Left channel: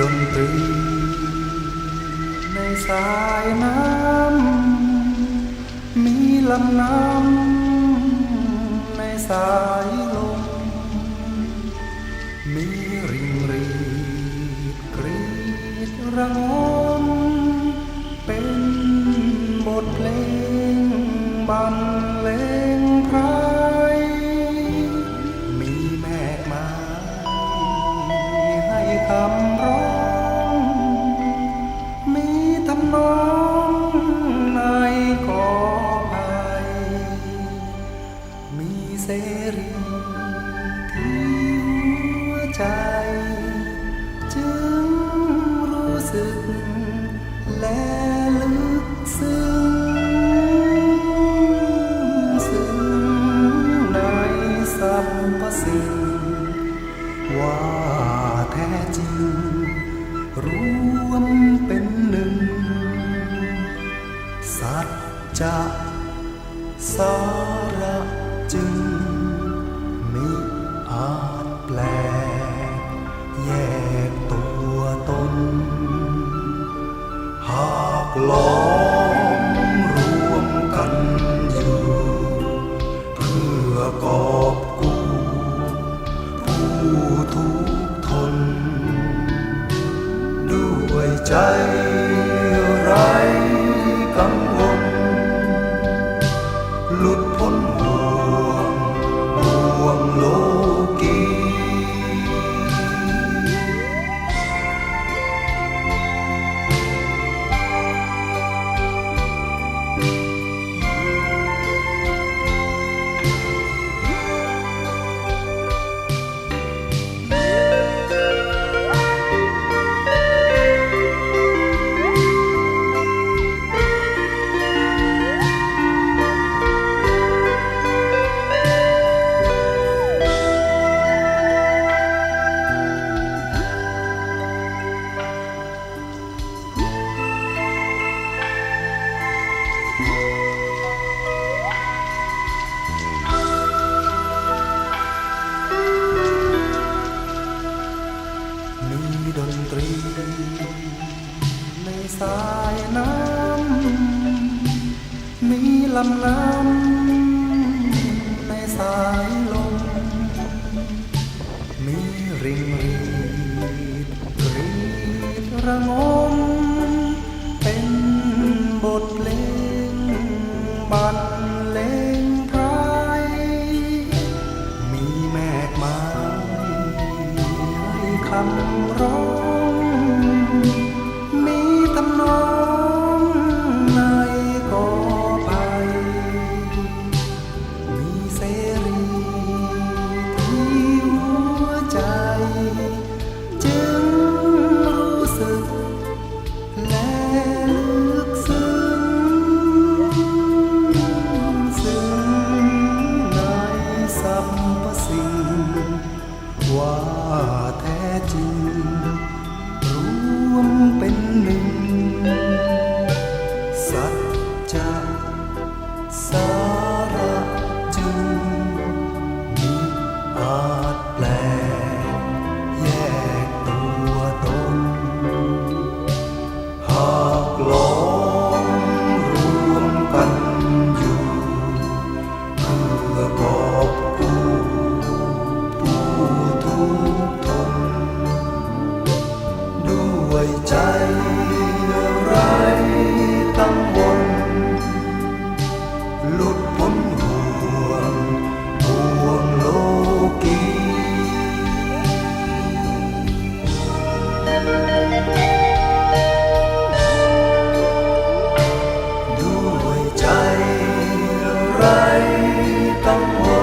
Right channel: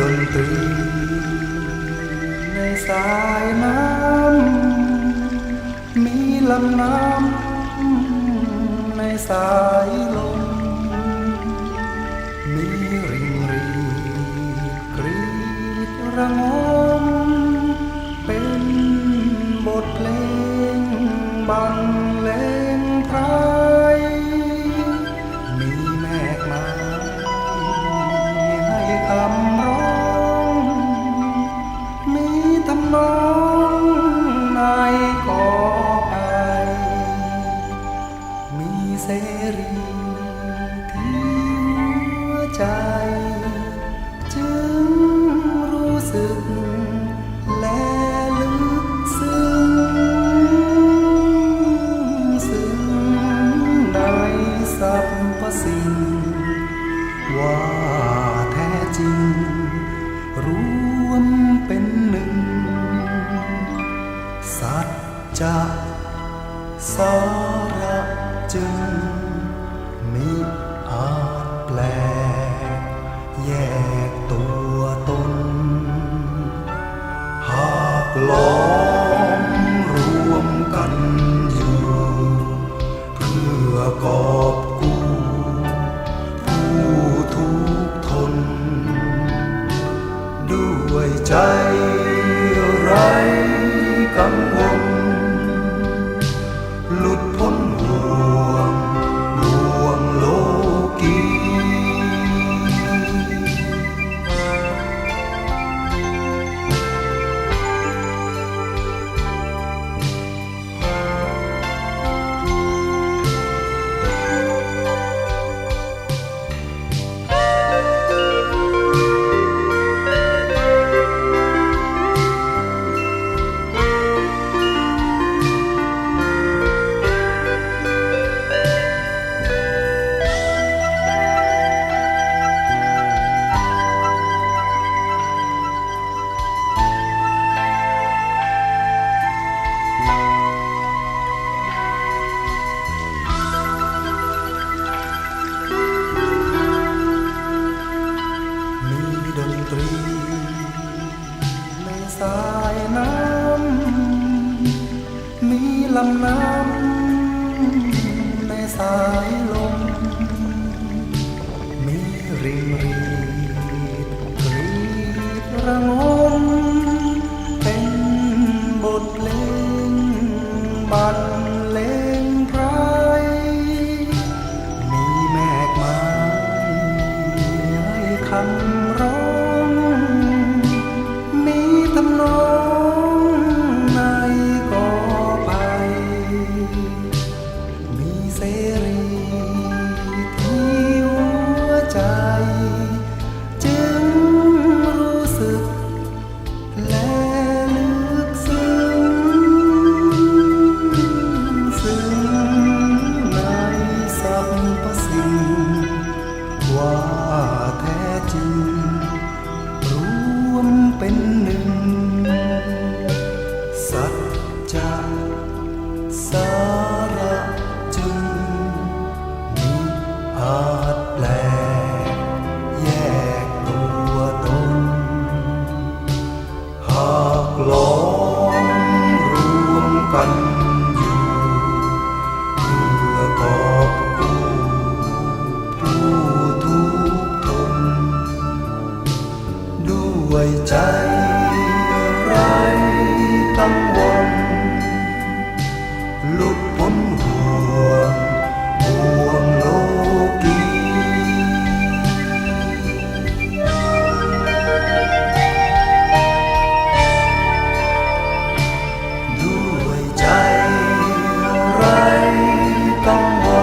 ดนตรีในสายน้ำ มีลำน้ำในสายลม มีริงรีกรีดระงม บรรเลงไพรมีแมกไม้ให้คำร้อง มีทำนองในกอภัยมีเสรีที่หัวใจ สิ่ง ว่าแท้จริง รวมเป็นหนึ่ง สัจจะสาระจึง มิอาจแปลกแยกตัวตน หากล้อมรวมกันอยู่ เพื่อก่อ ไรกังำลำน้ำในสายลม มีริงรีดกรีดระงม เป็นบทเพลงบรร เป็นหนึ่ง ยใจไรตั้งวนหลุดพ้นห่วงห่วงโลกีด้วยใจไรตั้งวน